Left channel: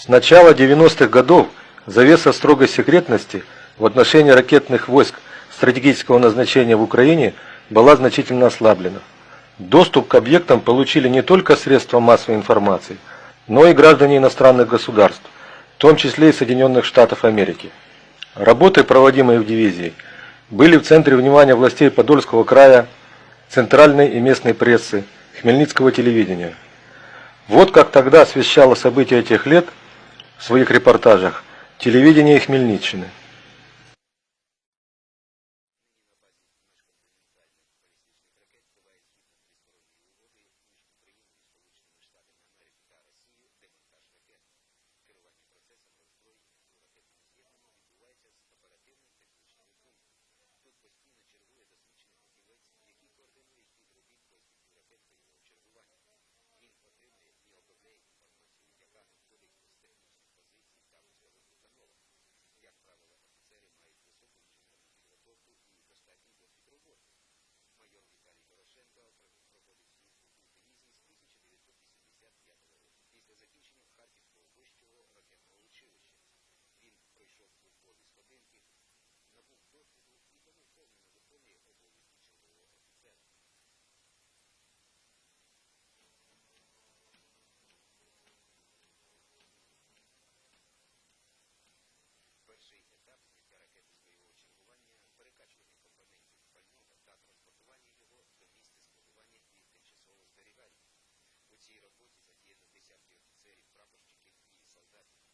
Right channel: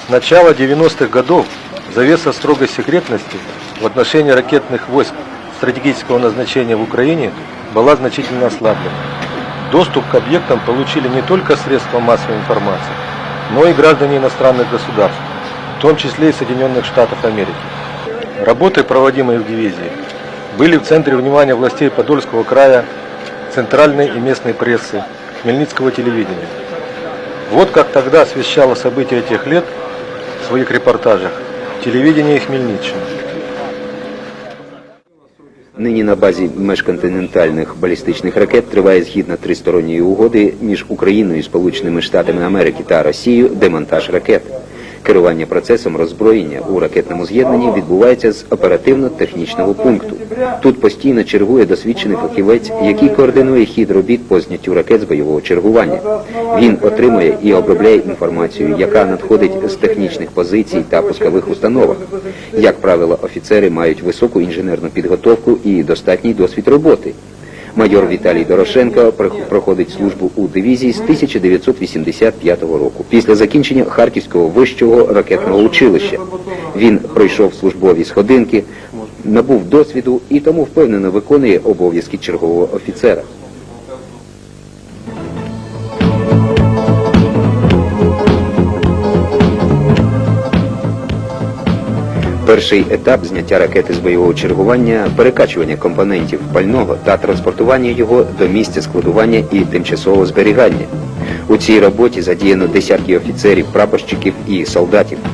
С начала 90-х годов завеса строгой секретности в отношении ракетных войск стратегического назначения в Украине была значительно ослаблена. Доступ к объектам получили не только средства массовой информации, но и граждане иностранных государств, в том числе и Соединенных Штатов Америки. Работы, проводимые в дивизии, были в центре внимания властей Подольского края, центральной и местной прессы, Хмельницкого телевидения. Вот как тогда освещало события этих лет в своих репортажах телевидение Хмельниччины. жорстку волі сходинки, набув досвіду і тому повністю виконує обов'язки чергового офіцера. Перший етап зняття ракети з бойового чергування, перекачування компонентів пального та транспортування його до місця складування і тимчасового зберігання. У цій роботі задіяно десятки офіцерів, прапорщиків і солдатів.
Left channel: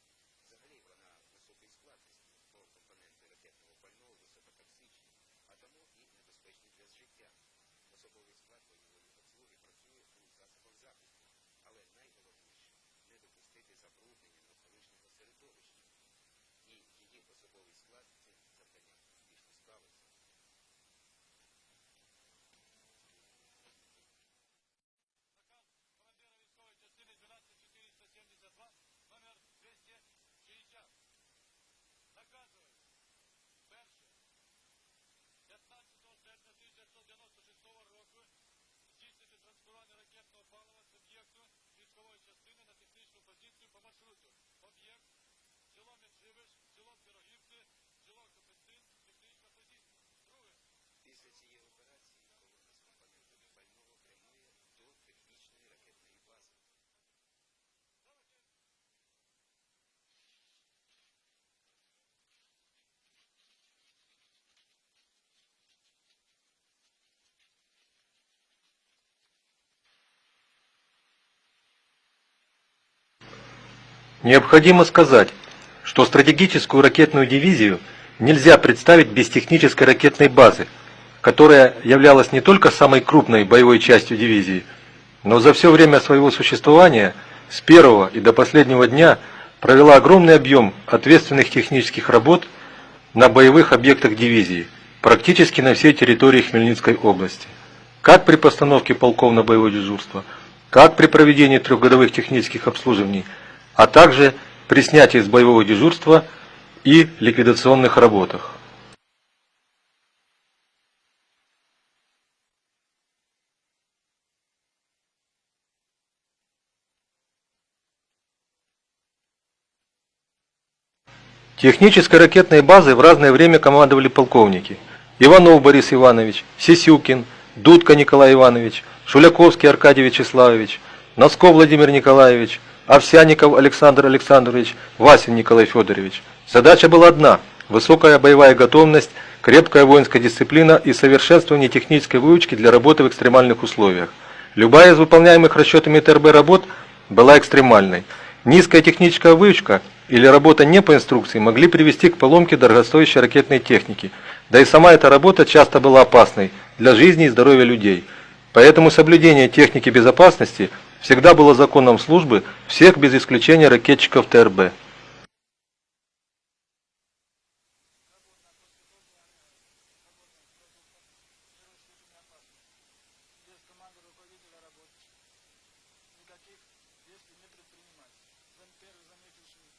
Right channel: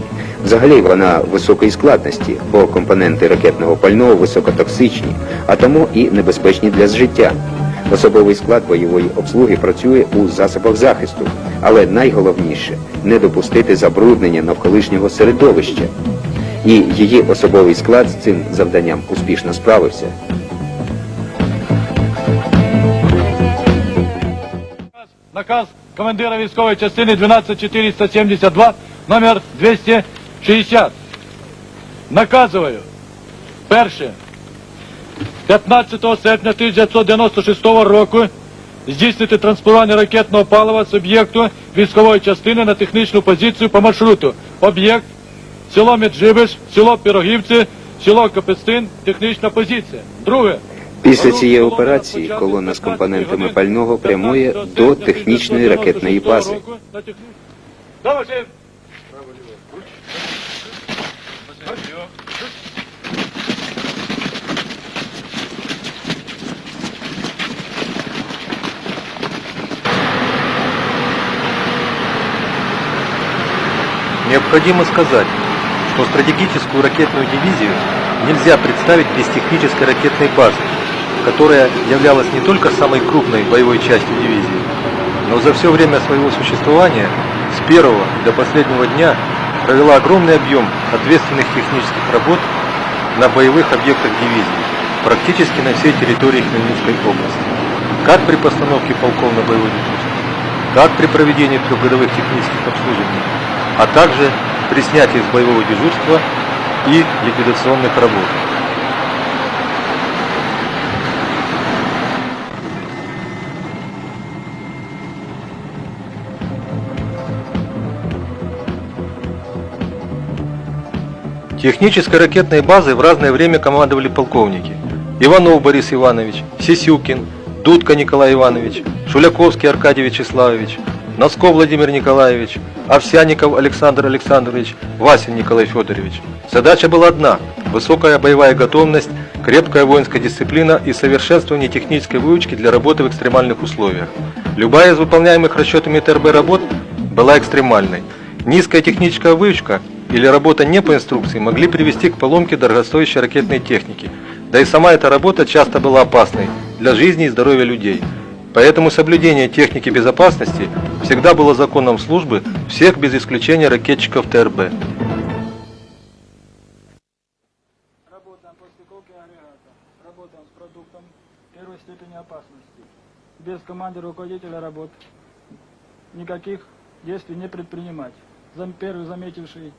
больного високотоксичні, а тому і небезпечні для життя. Особовий склад бойової обслуги працює у засобах захисту, але найголовніше не допустити забруднення на колишнього середовища. І її особовий склад Необходимо сказать, что стратегическую ракетную дивизию нельзя представить без технической ракетной базы, которая являлась не только самой крупной боевой частью дивизии, но за все время своего существования с первого и до последнего дня провела огромный объем ответственных технических работ на боевых объектах дивизии, практически на всей территории Хмельницкой области. Как при постановке полков на боевое дежурство, как при проведении трехгодовых технических обслуживаний, а также при снятии с боевого дежурства и ликвидационных работах. Технической ракетной базой в разное время командовали полковники. Иванов Борис Иванович, Сисюкин, Дудка Николай Иванович, Шуляковский Аркадий Вячеславович, Носков Владимир Николаевич, Овсяников Александр Александрович, Васин Николай Федорович. Задача была одна – высокая боевая готовность, крепкая воинская дисциплина и совершенствование технической выучки для работы в экстремальных условиях. Любая из выполняемых расчетами ТРБ работ была экстремальной. Низкая техническая выучка или работа не по инструкции могли привести к поломке дорогостоящей ракетной техники. Да и сама эта работа часто была опасной для жизни и здоровья людей. Поэтому соблюдение техники безопасности всегда было законом службы всех без исключения ракетчиков ТРБ. Без команды руководителя работы. Никаких действий не предпринимать. Зам- Первый заметил Шмидт.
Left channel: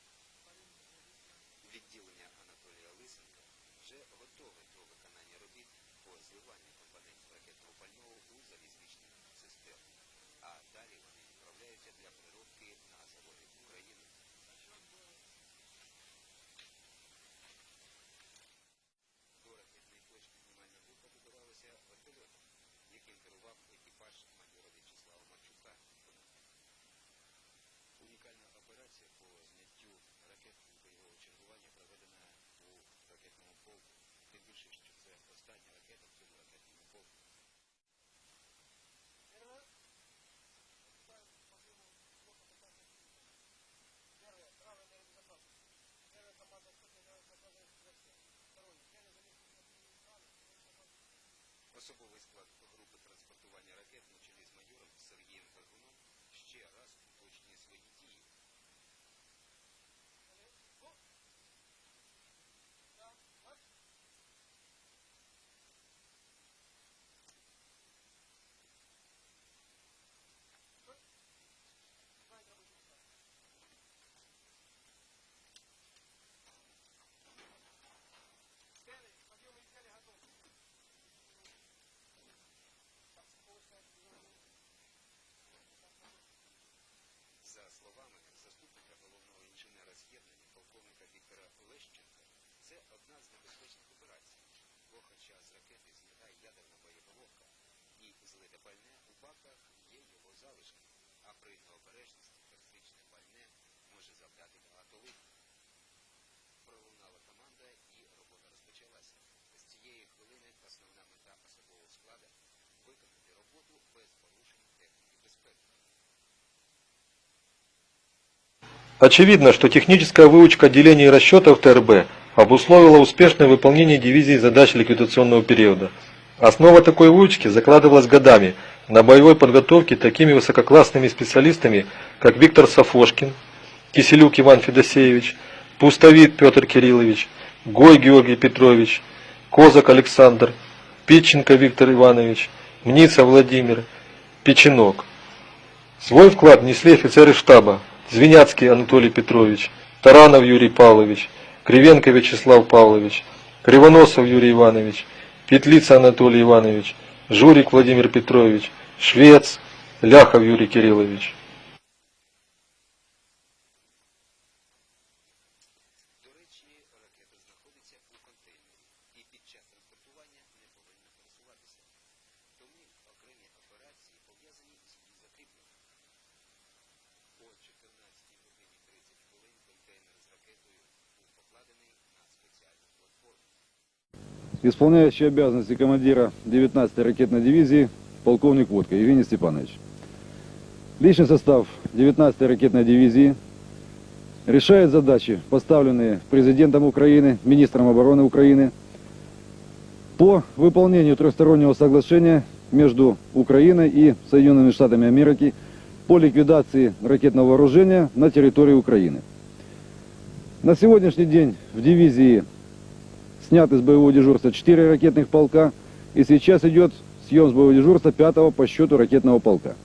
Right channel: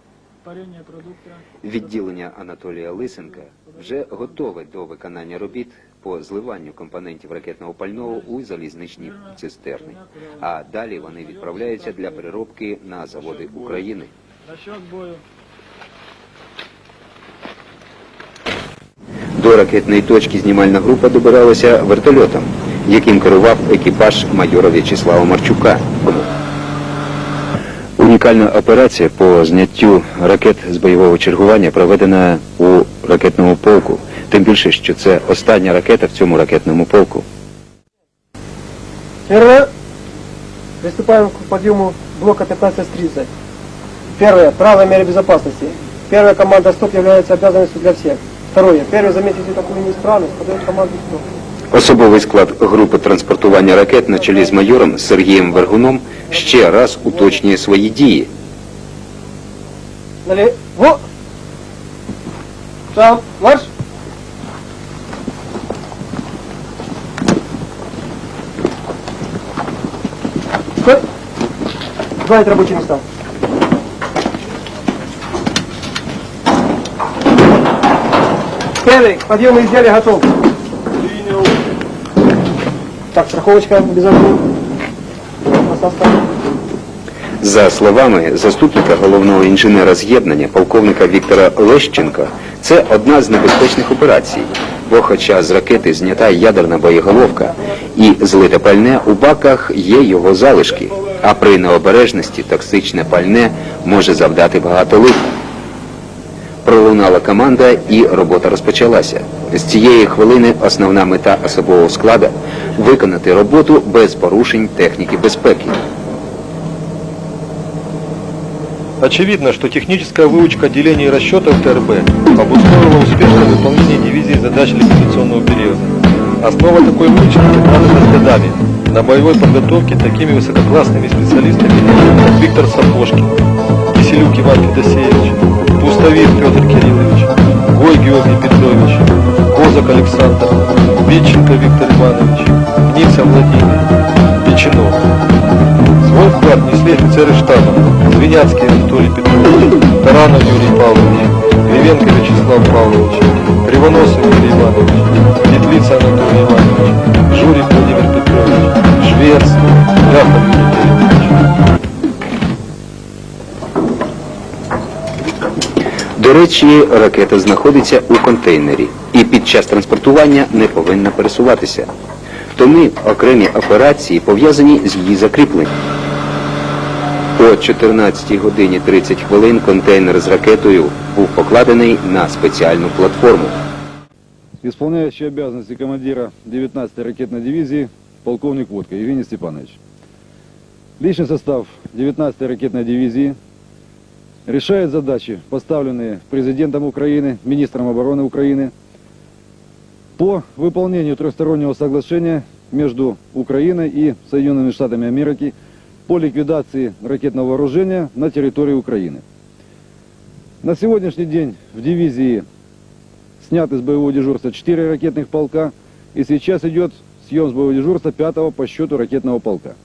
Відділення Анатолія Лисенка вже готове до виконання робіт підходити для переробки на заводі України. До ракетної точки знімальна група будувалася вертольотом, яким керував екіпаж майора В'ячеслава Марчука. Унікальна операція по зняттю ракет бойового чергування проведена у ракетному полку. Тим більше, що це остання ракета в цьому ракетному полку. Особовий склад групи транспортування ракет на чолі з майором Сергієм Горбуном ще раз уточнює свої дії. це одна з небезпечних операцій, бо хоча з ракети злітає ядерна боєголовка і злите пальне у баках є його залишки, а при необережності токсичне пальне може завдати багато лиху. Пролунала команда і робота розпочалася. З цієї хвилини основна мета особового складу виконати роботу без порушень техніки безпеки. Очевидно, что техническая выучка отделений и расчетов ТРБ обусловила успешное выполнение дивизии задач ликвидационного периода. Основа такой выучки закладывалась годами на боевой подготовке такими высококлассными специалистами, как Виктор Сафошкин, Киселюк Иван Федосеевич, Пустовит Петр Кириллович, Гой Георгий Петрович, Козак Александр, Питченко Виктор Иванович, Мница Владимир, Печенок. Свой вклад внесли офицеры штаба Звеняцкий Анатолий Петрович, Таранов Юрий Павлович, Кривенко Вячеслав Павлович, Кривоносов Юрий Иванович, Петлица Анатолий Иванович, Журик Владимир Петрович, Швец, Ляхов Юрий Кириллович. До речі, ракета знаходиться у контейнері і під час транспортування не повинна пересуватися. Тому окремі операції пов'язані з її закріпленням. О 14 годині 30 хвилин контейнер з ракетою Исполняющий обязанности командира 19-й ракетной дивизии полковник Водка Евгений Степанович. Личный состав 19-й ракетной дивизии решает задачи, поставленные президентом Украины, министром обороны Украины, по выполнению трехстороннего соглашения между Украиной и Соединенными Штатами Америки по ликвидации ракетного вооружения на территории Украины. На сегодняшний день в дивизии сняты с боевого дежурства 4 ракетных полка, и сейчас идет съем с боевого дежурства 5 по счету ракетного полка.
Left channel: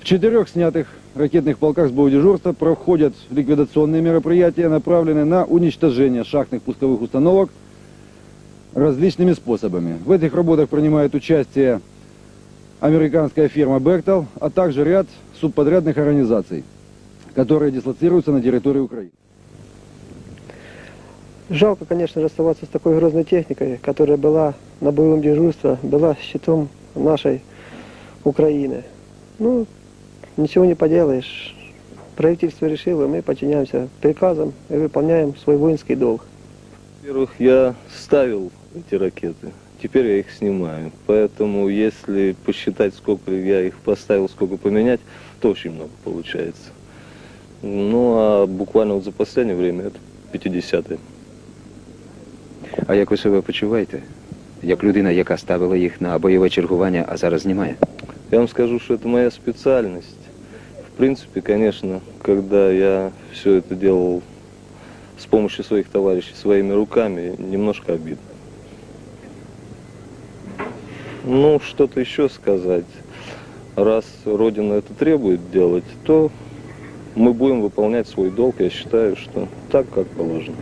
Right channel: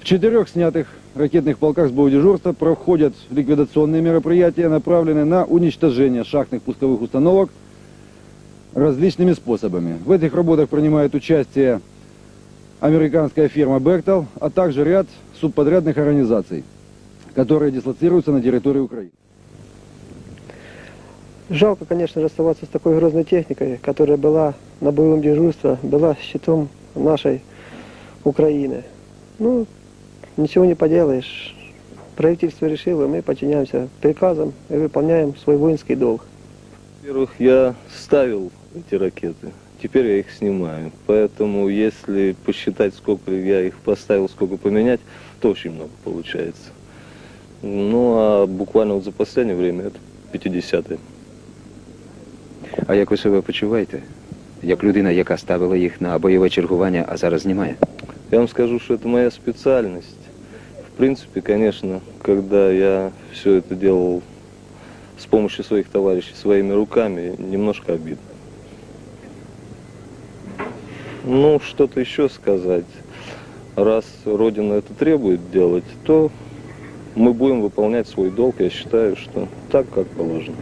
В четырех снятых ракетных полках с боевого дежурства проходят ликвидационные мероприятия, направленные на уничтожение шахтных пусковых установок различными способами. В этих работах принимает участие американская фирма Bechtel, а также ряд субподрядных организаций, которые дислоцируются на территории Украины. Жалко, конечно, расставаться с такой грозной техникой, которая была на боевом дежурстве, была щитом нашей Украины. Ну, ничего не поделаешь. Правительство решило, мы подчиняемся приказам и выполняем свой воинский долг. Во-первых, я ставил эти ракеты, теперь я их снимаю. Поэтому, если посчитать, сколько я их поставил, сколько поменять, то очень много получается. Ну, а буквально вот за последнее время это 50-е. А як ви себе почуваєте? Як людина, яка ставила їх на бойове чергування, а зараз знімає? Я вам скажу, что это моя специальность. В принципе, конечно, когда я все это делал с помощью своих товарищей, своими руками, немножко обидно. Ну, что-то еще сказать. Раз Родина это требует делать, то мы будем выполнять свой долг. Я считаю, что так, как положено.